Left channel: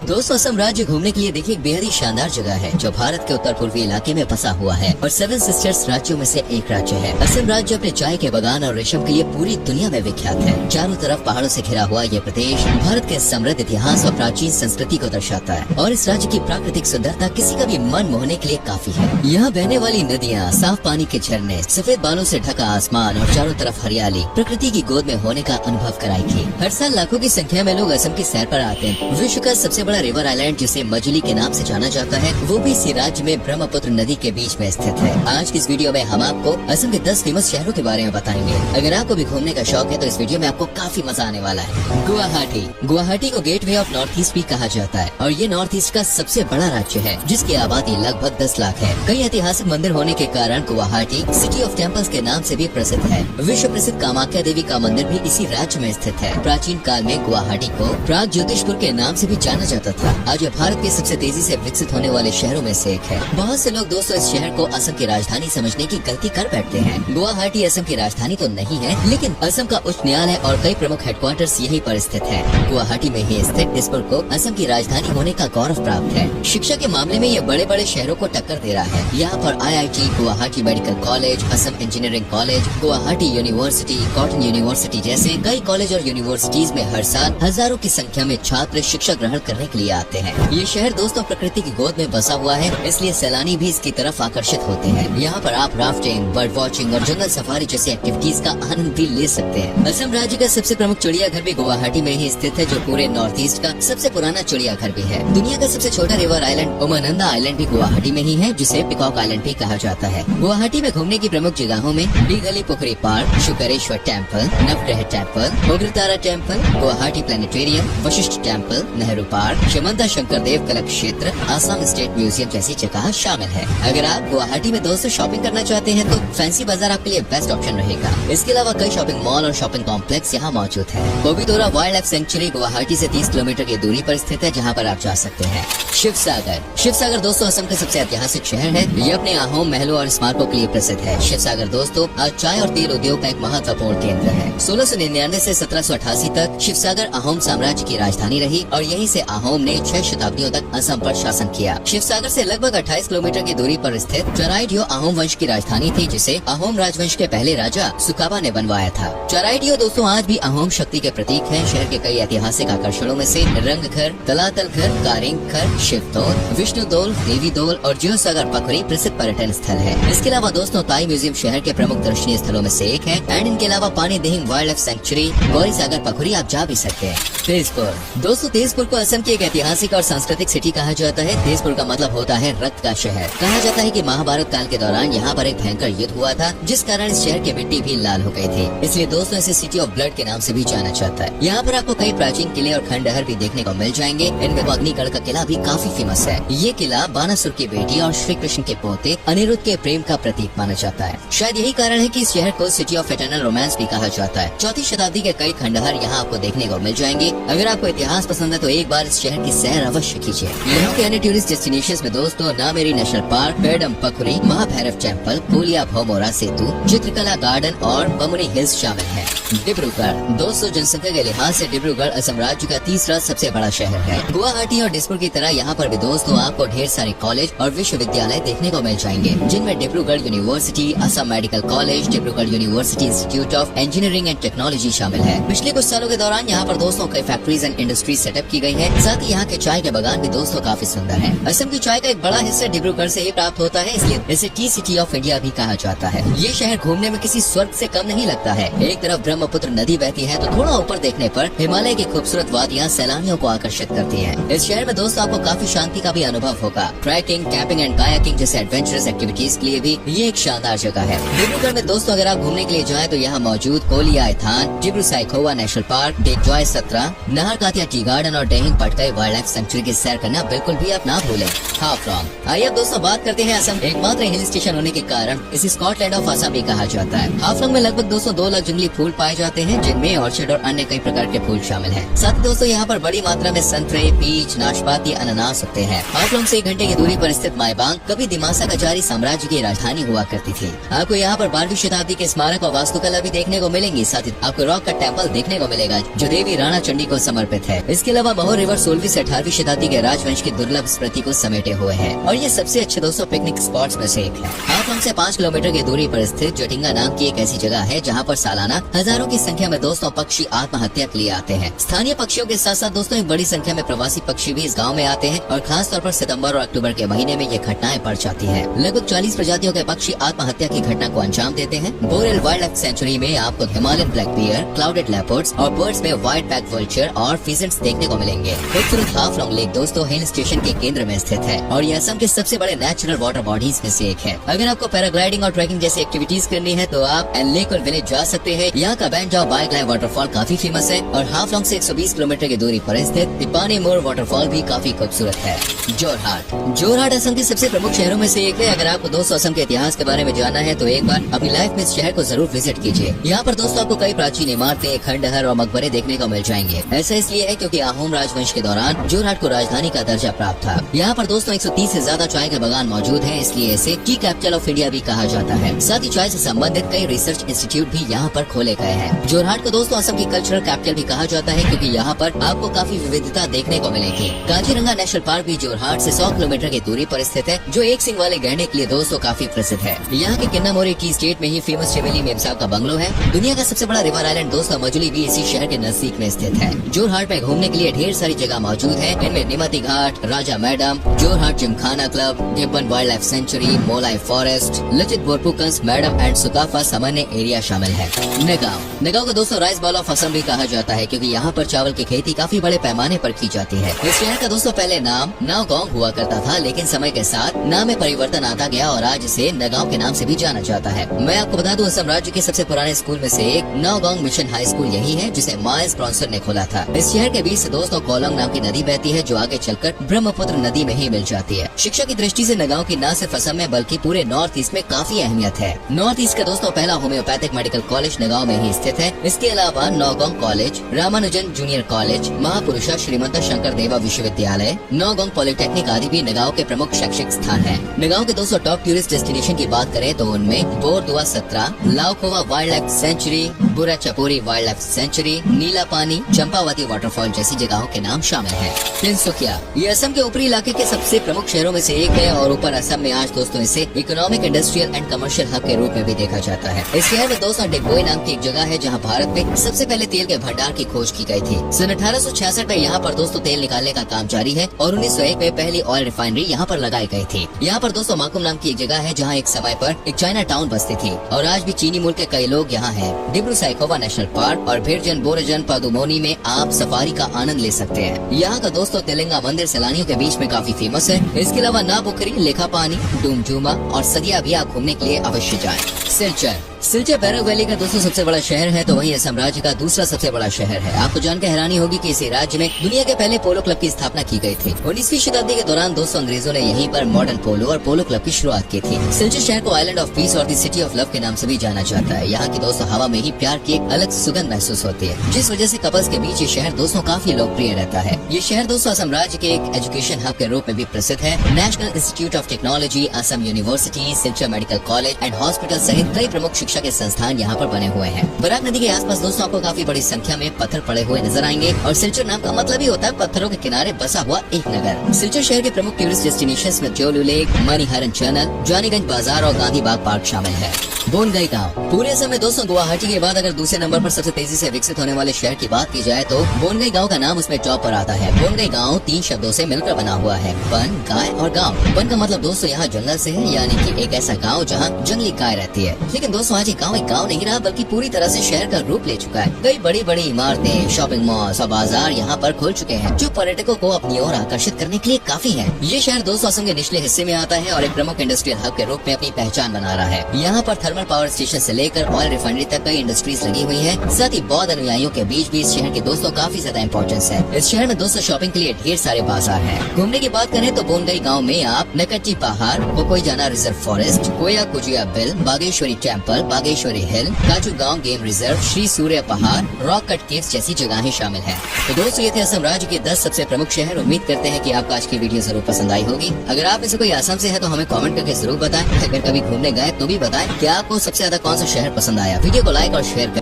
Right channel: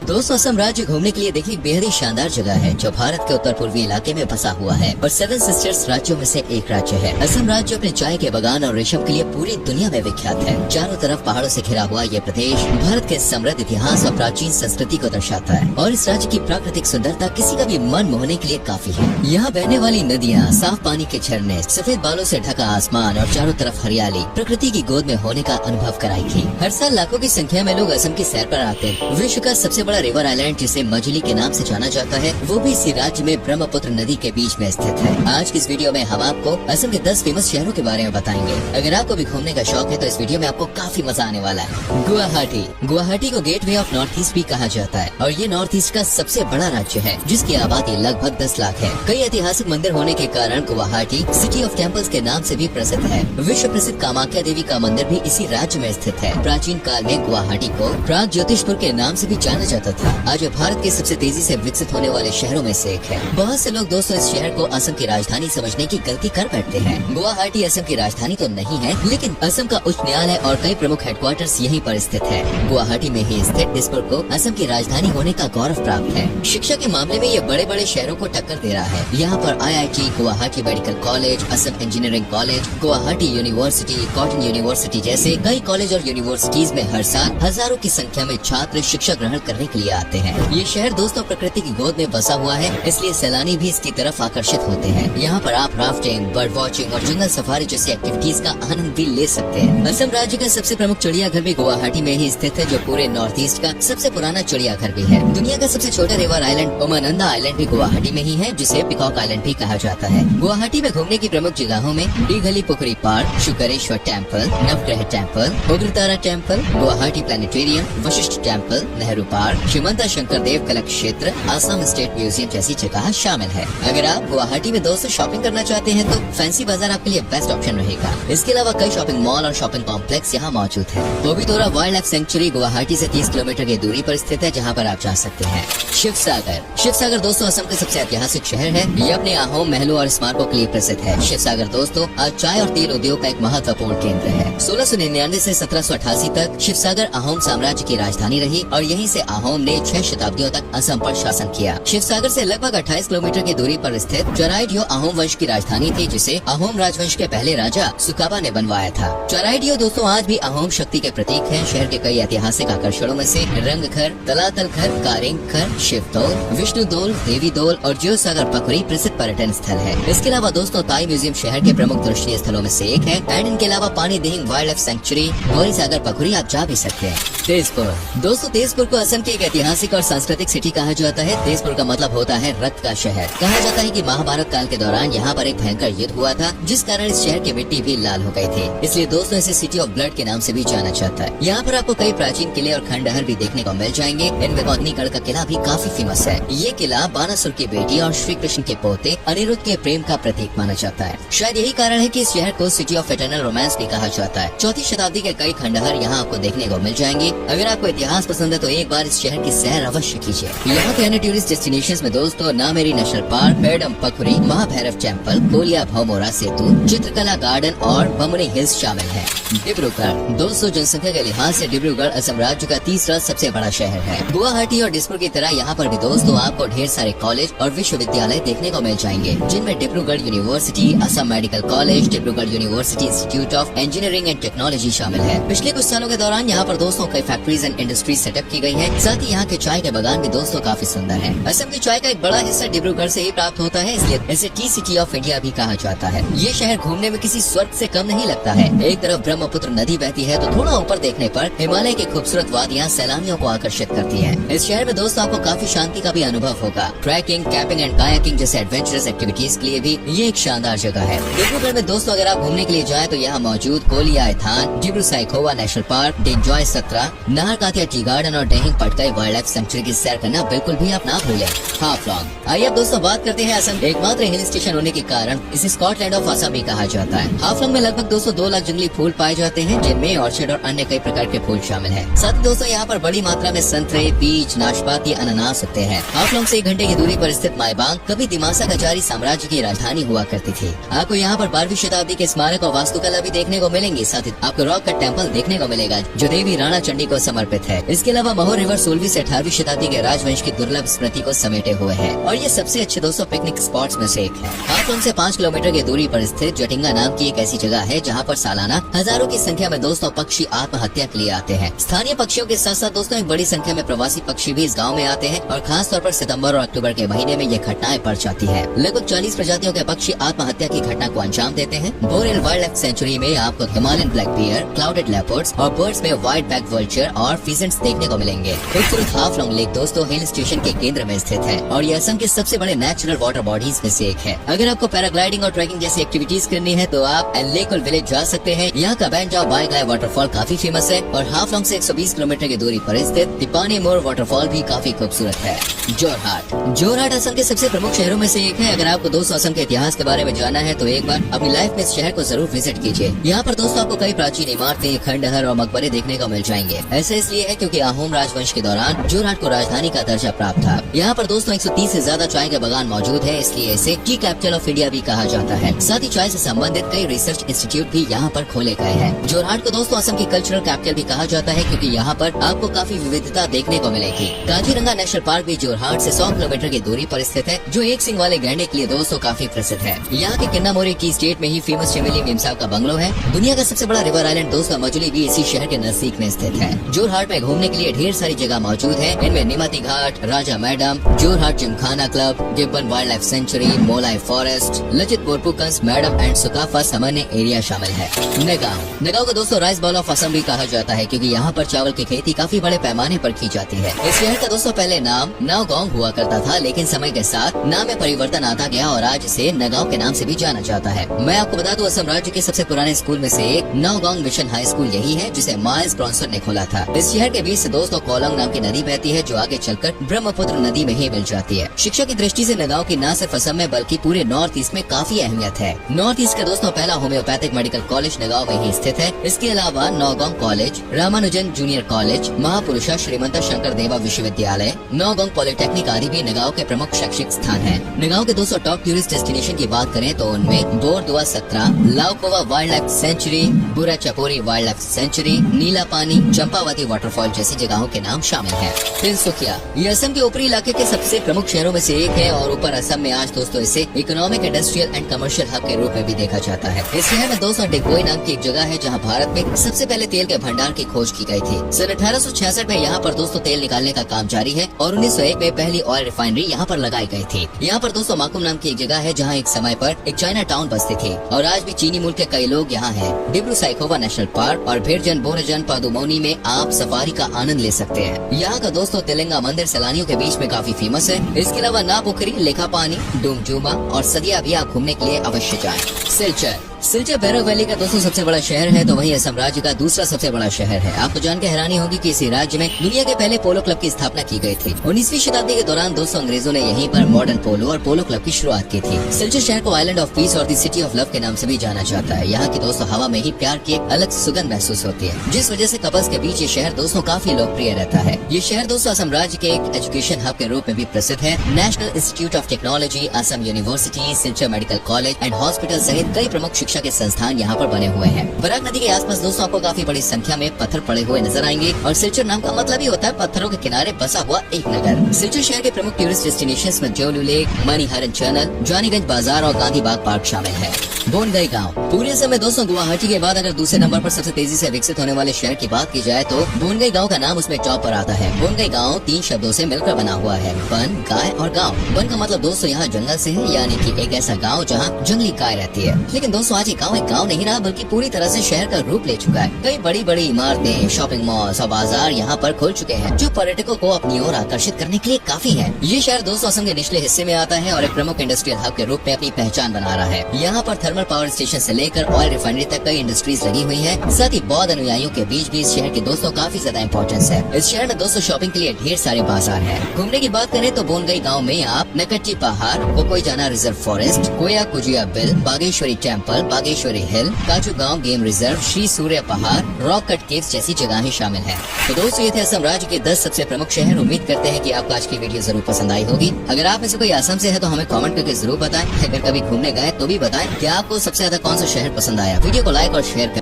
दोस्तों असम राज्य घूमने के लिए देखिए बेहद ही शानदार जगह है जो भारत के उत्तर पूर्वी इलाके में बसा हुआ है और 7 सिस्टर्स राज्यों में से एक राज्य है। असम राज्य अपने चाय के बागान और रेशम के लिए पूरी दुनिया में विख्यात है। चारों तरफ पहाड़ों से घिरा हुआ ये प्रदेश भारत के समृद्ध इतिहास और प्राचीन संस्कृति को दर्शाता है और इस राज्य की प्राकृतिक सुंदरता किसी का भी मन मोहने के लिए काफी है। यहाँ बहने वाली नदियाँ, साफ पानी के झरने, सफेद बालों से ढका आसमान और चारों तरफ हरियाली प्रकृति की गोद में होने का अनुभव कराएगी। हर साल लाखों की संख्या में लोग असम की सैर पर आते हैं। विश्व का सबसे बड़ा रिवर आइलैंड जिसे मजली के नाम से जाना जाता है वो भी इसी राज्य में ब्रह्मपुत्र नदी के बीच में स्थित है। आज की इस वीडियो में हम आपको असम के 10 फेमस शहरों के बारे में बताएंगे। अगर आपको भी घूमने का शौक है तो इस वीडियो में आपको काफी मजा आने वाला है। गुवाहाटी। गुवाहाटी को गेटवे ऑफ नॉर्थ ईस्ट भी कहा जाता है और ये नॉर्थ ईस्ट का सबसे बड़ा राज्य है जिसकी आबादी लगभग 10 लाख है। कई ऐतिहासिक मंदिर होने के कारण गुवाहाटी सिटी ऑफ टेम्पल्स के नाम से भी प्रसिद्ध है। विश्व प्रसिद्ध कामाख्या देवी का मंदिर भी इसी राज्य में स्थित है। प्राचीन काल में गुवाहाटी को प्राग ज्योतिषपुर के नाम से भी जाना जाता था। आज ये भारत के सबसे तेजी से विकसित होने वाले शहरों में से एक है। बहुत से लोग दोस्तों इस शहर को असम की राजधानी समझने की गलती कर बैठते हैं। गुवाहाटी असम की राजधानी तो नहीं है, लेकिन असम का उच्च न्यायालय और कई प्रमुख हेडक्वार्टर्स यहीं पर स्थित है। गुवाहाटी में ही स्थित दिसपुर को असम की राजधानी होने का गौरव प्राप्त है। शिक्षा के मामले में ये बड़े बड़े शहरों को टक्कर दे रहा है। यहाँ पर IIT, Guwahati medical college, Assam engineering college, Guwahati university, cotton university जैसे कई कॉलेज और यूनिवर्सिटीज में हर साल हजारों की संख्या में छात्र शिक्षा ग्रहण करने के लिए आते हैं। ये शहर दोस्तों प्रकृति की गोद में बसा हुआ है, इसलिए सैलानी भी इसकी तरफ आकर्षित होते हैं। यहाँ पर आप राफ्टिंग, बर्ड वॉचिंग और जंगल सफारी जैसे एक्टिविटीज का आनंद भी ले सकते हैं। असम राज्य का सबसे प्रमुख चिड़ियाघर भी गुवाहाटी में ही स्थित है जो पूरे नॉर्थ ईस्ट का सबसे पुराना चिड़ियाघर भी है। दुनिया का सबसे छोटा रिवर आइलैंड उमानंदा आइलैंड भी गुवाहाटी में ही है जिसे पिकॉक आइलैंड भी कहा जाता है। गुवाहाटी में घूमने की प्रमुख जगहों में Dighali Pukhuri park, Sukreswar temple, Navagraha temple, Ugratara temple, Guwahati planetarium, Vashistha temple, Nehru park, Srimanta Sankar Dev Kala Kshetra, Assam state museum जैसी जगह शामिल है। अगर आप गुवाहाटी में दोस्तों शॉपिंग करना चाहते हैं तो फैंसी बाजार आपके लिए बेस्ट ऑप्शन रहेगा। इसके अलावा कई शॉपिंग मॉल और शॉपिंग कॉम्प्लेक्स यहाँ मौजूद है। कोबीतोरा वाइल्ड लाइफ सेंचुरी गुवाहाटी से 30 किलोमीटर की दूरी पर स्थित है जहाँ पर आप जा सकते हैं। शिवसागर। शिवसागर दोस्तों असम का सबसे ऐतिहासिक शहर है। ये अपने अहोम महलों और स्मारकों के लिए प्रसिद्ध है। शिवसागर दोस्तों आज चाय और तेल उद्योग का एक महत्वपूर्ण केंद्र है। 1699 से 1788 तक शिवसागर अहोम साम्राज्य की राजधानी रही और यहीं से अहोम ने 6 शताब्दियों तक असम पर शासन किया। शिवसागर से लगभग 28 किलोमीटर की दूरी पर स्थित चराइडियो अहोम वंश की राजधानी थी जिसे अहोम राजवंश के पहले राजा सुकाबा ने बनवाया था। चराइडियो दोस्तों आज भी अहोम शक्ति के प्रतीक है। शहर के कई ऐतिहासिक आकर्षणों में से रंगघर, तलातल घर, कारेंग घर, शिवदौल, विष्णुदौल, देवीदौल और जोसागर पखरी प्रसिद्ध पर्यटन स्थल है। इसके अलावा दोस्तों ताई म्यूजियम शहर के प्रमुख दर्शनीय स्थलों में से एक है एंड इनके अलावा Pani Dihing wildlife sanctuary, Gauri Sagar Pukhuri आप जा भी सकते हैं। तेजपुर। दोस्तों तेजपुर को असम की एक ऐतिहासिक और सांस्कृतिक सिटी कहा जाता है। तेजपुर का मतलब होता है रक्त का शहर। कहा जाता है कि महाभारत काल के दौरान यहाँ पर एक भयंकर युद्ध हुआ था जिस कारण इस शहर की मिट्टी भी लाल हो गई थी, इसलिए दोस्तों इसे सिटी ऑफ ब्लड के नाम से भी जाना जाता है। यहाँ पर आपको कई प्राचीन किले और खंडहर भी देखने को मिल जाएंगे। इनमें अग्निगढ़ का किला भी काफी फेमस है। ये किला बानासुर की बेटी और श्री कृष्ण के पोते अनिरुद्ध के प्रेम का प्रतीक माना जाता है। शायद यही कारण है कि इस शहर को सिटी ऑफ इटर्नल रोमांस भी कहा जाता है। 4वीं शताब्दी के कई खंडहर यहाँ आपको देखने को मिल जाएंगे। अगर आपको इतिहास पसंद है तो एक बार इस शहर की सैर अवश्य कीजिए। यहाँ के अन्य टूरिस्ट डेस्टिनेशन में दोस्तों Nameri national park, Padum Pukhuri, Mahabhairab temple, Kolia Bhomora Setu, Chitrakala garden और बमनी हिल्स शामिल है। डिब्रूगढ़। दोस्तों जनसंख्या के लिहाज से डिब्रूगढ़ असम राज्य का तीसरा सबसे बड़ा शहर है। गुवाहाटी और दिसपुर की तरह यहाँ पर भी दोस्तों आपको ढेर सारे कॉलेज और विश्वविद्यालय देखने को मिल जाएंगे जिनमें Dibrugarh university, Assam medical college, Dibrugarh university institute of engineering and technology शामिल है। पिछले कुछ सालों के दौरान यहाँ पर दोस्तों कई फैक्ट्रीज एंड इंडस्ट्री सेटअप की गई है। साथ ही यहाँ के चाय के बागान भी दोस्तों काफी सुंदर है। असम की चाय का एक बड़ा हिस्सा डिब्रूगढ़ से ही प्राप्त होता है, इसलिए इसे टी सिटी ऑफ इंडिया भी कहा जाता है। ये शहर घूमने में किसी स्वर्ग से कम नहीं लगता है। एक तरफ ब्रह्मपुत्र नदी बहती है तो थोड़ा ऊपर देखने पर हिमालय की खूबसूरत वादियाँ सैलानियों को आकर्षित करती है। इस शहर में दोस्तों आपको काफी शांति का भी अनुभव होगा। ट्रैकिंग, कैंपिंग एंड कायाकिंग जैसे एडवेंचरस एक्टिविटीज के लिए भी ये एक शानदार जगह है। डिब्रूगढ़ में दोस्तों अगर आप घूमने के लिए जाए तो यहाँ मौजूद Koliya Ithan, Dibru Saikhowa national park, Digboi 17, Naharkatia tea garden और Dehing Patkai wildlife sanctuary की सैर करना बिल्कुल भी आप ना भूलें। हाफलॉन्ग। आइए अब दोस्तों बात करते हैं असम। एकमात्र हिल स्टेशन होने के कारण इसे स्कॉटलैंड ऑफ असम भी कहा जाता है। हाफलॉन्ग में लगभग 2 लाख जंगली फूल पाए जाते हैं जिनमें ऑर्चिड और अन्य कई प्रकार के फूल शामिल हैं। साथ ही दोस्तों यहाँ पर बड़ी मात्रा में संतरे, पीच, नाशपाती, अनानास होते हैं। हाफलॉन्ग से 1 घंटे की दूरी पर स्थित माईबांग कभी दिमासा कचारी साम्राज्य की राजधानी हुआ करती थी। आपको यहाँ पर 12वीं शताब्दी के स्मारक और वास्तुकला भी देखने को मिलेंगी। साथ ही आपको रॉक कट टेम्पल देखने को मिलेगा जो देवी राणा चंडी को समर्पित है। इसके अलावा महो रिवर 16वीं से 18वीं शताब्दी के राजवंश की दुर्लभ स्मृति को समेटे हुए है और ये सबसे अच्छे दोस्तों पिकनिक स्पॉट्स में से एक है। हाफलोंग से 5 किलोमीटर की दूरी पर स्थित जटिंगा नाम की एक ऐसी जगह है जहाँ पर सालाना हजारों की संख्या में दोस्तों पक्षी आत्महत्या के लिए आते हैं। स्थानीय पक्षियों के साथ साथ दोस्तों एक बड़ी संख्या में प्रवासी पक्षी भी इस गाँव में आते हैं और खास तौर पर सितम्बर और अक्टूबर के महीने में ये घटनाएं बढ़ जाती है। लगभग 40 प्रजातियों के पक्षी आत्महत्या की घटना को अंजाम देते हैं। बोरेल वाइल्ड लाइफ सेंचुरी में आपको Himalayan black bear, clouded leopards और बर्ड्स में व्हाइट बैक वल्चर और फिजेंट्स देखने को मिलेंगे। खूबसूरत हाफलोंग लेक दोस्तों हिल स्टेशन के केंद्र में स्थित है और ये असम के सबसे बड़े नेचुरल वाटर बॉडीज में से एक है। अगर आपको पैराग्लाइडिंग और ट्रैकिंग जैसी एक्टिविटीज करनी है तो आप लेक और विलेज जा सकते हैं। यहाँ का बैंजाओ बाइकलाइव वाटरफॉल काफी फेमस है और हाफलोंग से 120 किलोमीटर की दूरी पर स्थित तिपानी मोर वाटरफॉल भी काफी खूबसूरत है। जोरहाट असम के सबसे प्रमुख शहरों में से एक है। अगर आपको दोस्तों असम के इतिहास के बारे में जानना है तो एक बार अपनी लाइफ में इस शहर को जरूर विजिट कीजिए। यहाँ पर दोस्तों आपको कई प्राचीन इमारतें, खंडहर और मकबरे देखने को मिल जाएंगे। ऐसा इसलिए है क्योंकि अहोम राजवंश के दौरान जोरहाट को राजधानी का दर्जा प्राप्त था। यहाँ पर दोस्तों 130 से ज्यादा चाय के बागान मौजूद है, इसलिए इसे टी कैपिटल ऑफ इंडिया भी कहा जाता है। साथ ही चाय से संबंधित कई रिसर्च इंस्टीट्यूट भी यहाँ पर खोले गए हैं। जोरहाट को दोस्तों असम की कल्चरल कैपिटल भी कहा जाता है क्योंकि यहाँ पर आपको काफी विविधता देखने को मिलेगी। काजीरंगा नेशनल पार्क भी जोरहाट से 100 किलोमीटर की दूरी पर स्थित है, जो एक सिंग वाले गैंडे के लिए दोस्तों काफी प्रसिद्ध है। यहाँ के किन्नामोरी टी स्टेट में ही फेमस चमेली मेम साहब का बंगलो है। दुनिया का सबसे बड़ा रिवर आइलैंड दोस्तों मजुली भी इसी शहर के नजदीक में स्थित है। जोरहाट में घूमने के लिए ढेर सारी जगह मौजूद है। इनमें Nimati Ghat, Raja Maidam, Jorhat gymkhana club, gibbon wildlife sanctuary, Molai forest, Lachit Borphukan's, Maidam and Sukapha सामान्य एरिया शामिल है। नगांव को दोस्तों राइस बॉल ऑफ असम भी कहा जाता है क्योंकि यहाँ पर चावल की खेती काफी बड़े पैमाने पर की जाती है। इस शहर का दोस्तों पहले नाम नगांव हुआ करता था, लेकिन समय के साथ नाम में परिवर्तन आता गया और आज इसे नगांव के नाम से भी जाना जाता है। मैं आपको बता दूं असम राज्य के सबसे पुराने स्कूल में से एक नगांव मिशन हाई स्कूल यही है, जिसे माइल्स ब्रॉन्सन ने खोला था। इस शहर के बीच से दोस्तों कोलंग नाम की नदी बहती है, जो आगे चलकर ब्रह्मपुत्र नदी में ही मिल जाती है। शिक्षा की दृष्टि से नगांव की न सिर्फ असम में बल्कि पूरे नॉर्थ ईस्ट में काफी अहमियत है। नॉर्थ ईस्ट का दोस्तों पहला होम्योपैथिक मेडिकल कॉलेज नगांव में ही स्थित है। इसके अलावा Nagaon college, Ramanujan junior college, Mahapurusha Srimanta Sankar Deva Vishwavidyalaya, Naugaon polytechnic आदि भी नगांव के प्रमुख शैक्षिक स्थान है। नगांव के दोस्तों टॉप टूरिस्ट डेस्टिनेशन की बात करें तो उनमें बोरदुआ 17, लाउखोवा वाइल्ड लाइफ सेंचुरी, बुरा चपोरी वाइल्ड लाइफ सेंचुरी, नीला पानी, चंपावती वाटरफॉल जैसी जगहों के नाम शामिल है। तिनसुकिया ये असम के ऊपरी इलाके के सबसे प्रमुख शहरों में से एक है और ऊपर असम में आज दोस्तों इसे economic, industrial and commercial hub के रूप में भी देखा जाता है। इस शहर में दोस्तों डिगबोई नाम की एक जगह है जहाँ भारत में सबसे पहले तेल के भंडार की खोज की गई थी। सन 1866 में यहाँ पर दोस्तों तेल निकालने का काम जारी है और 1901 में पहली ऑयल रिफाइनरी यहाँ पर लगाई गई थी। यहाँ पर दोस्तों माकुम नाम की एक जगह है जहाँ एक समय पर एक चाइना टाउन बसती थी और आज भी चीनी मूल के कई लोग यहाँ हैं। डिब्रू साइखोवा नेशनल पार्क और भिरजन, बोरजन, पदुमोनी में आप सफारी का आनंद ले सकते हैं। यहाँ का दोस्तों तेलंगा मंदिर सैलानियों के बीच में काफी फेमस है। इसके अलावा नाबुखरी, लेखापानी, डुमजुमा और सदिया भी आप घूमने के लिए अवश्य जाएं। सिलचर बैरक वैली का दोस्तों सबसे बड़ा शहर है तो वहीं असम राज्य का दूसरा सबसे बड़ा शहर है। आपको जानकर हैरानी होगी कि इसी राज्य में दुनिया के पहले पोलो क्लब की स्थापना की गई थी। 19वीं शताब्दी के दौरान दोस्तों अंग्रेजों ने यहीं पर मॉडर्न पोलो और पोलो क्लब की शुरुआत की थी। सिलचर शहर को आइलैंड ऑफ पीस और द सिटी ऑफ लव के नाम से भी जाना जाता है। यहाँ की दोस्तों हवा में ही प्यार की एक अलग सुगंध महसूस होती है, जिस वजह से कपल्स के बीच ये शहर दोस्तों काफी लोकप्रिय रहता है। ये शहर दोस्तों असम राज्य के एक एजुकेशन हब के रूप में भी प्रसिद्ध है। National institute of technology, Assam university, Silchar medical college and hospital सहित कई प्रमुख शिक्षा के संस्थान यहाँ पर बने हुए हैं। बराक नदी के आसपास दोस्तों आपको काफी बड़ी संख्या में पत्थर पड़े हुए नजर आएंगे और सिलचर नाम का मतलब ही होता है पत्थरों के किनारे बसा हुआ एक नगर। सिलचर शहर के प्रमुख टूरिस्ट डेस्टिनेशंस में जोलू लेक, मणिहरन चैनल, जानीगंज बाजार और गांधी बाग पार्क शामिल है। बोनगई गाँव पूरे समय दोस्तों गुवाहाटी के बाद अगर दूसरे नंबर पर सबसे तेजी से विकसित होने वाले शहर की बात की जाए तो बोनगई गाँव का नाम उसमें टॉप पर आता है। बोनगई गाँव 3 शब्दों से मिलकर बना हुआ है, वन, गाय और गाँव। वन का मतलब दोस्तों यहाँ जंगल से है, यानी कि एक ऐसा गाँव जहाँ जंगली गाय रहती है। लेकिन दोस्तों आज एक गाँव नहीं रहा बल्कि पूरी तरह से शहर का रूप ले चुका है। कई बड़ी बड़ी इमारतें, शॉपिंग मॉल्स और बाजार यहाँ पर खुल चुके हैं, जो पर्यटकों को अपनी ओर आकर्षित करने के लिए काफी है। ये शहर दोस्तों असम के निचले हिस्से में आता है और एक प्रमुख इंडस्ट्रियल हब के रूप में अपनी पहचान बना रहा है। यहाँ पर थर्मल पावर स्टेशन से लेकर ऑयल रिफाइनरी तक कई इंडस्ट्रीज लगी हुई है। साथ ही बौद्ध अनुयायियों के बीच भी इस शहर की दोस्तों काफी ज्यादा इम्पोर्टेंस है। इस शहर में दोस्तों शॉपिंग के लिए ढेर सारे बाजार हैं। घूमने की बात करें तो बोनगई गाँव में आप नकट्टी पहाड़, कोकोईजाना रिजर्व फॉरेस्ट, कोया कुजिया बिल, बागेश्वरी टेम्पल, बागेश्वरी हिल, काचू गाँव गेम रिजर्व, श्री सूर्य पहाड़, रॉक कट केव्स जैसी जगहें शामिल हैं। तो दोस्तों ये थे असम राज्य के 10 सबसे प्रमुख शहर। उम्मीद करते हैं कि आपको आज की वीडियो जरूर पसंद आई होगी। अगर आप में से कोई असम से है तो हमें कमेंट करके जरूर बताएं। अगर कभी घूमने गए तो भी बताएं कि आपको सबसे ज्यादा कौन सा शहर पसंद आया। वीडियो को लाइक और शेयर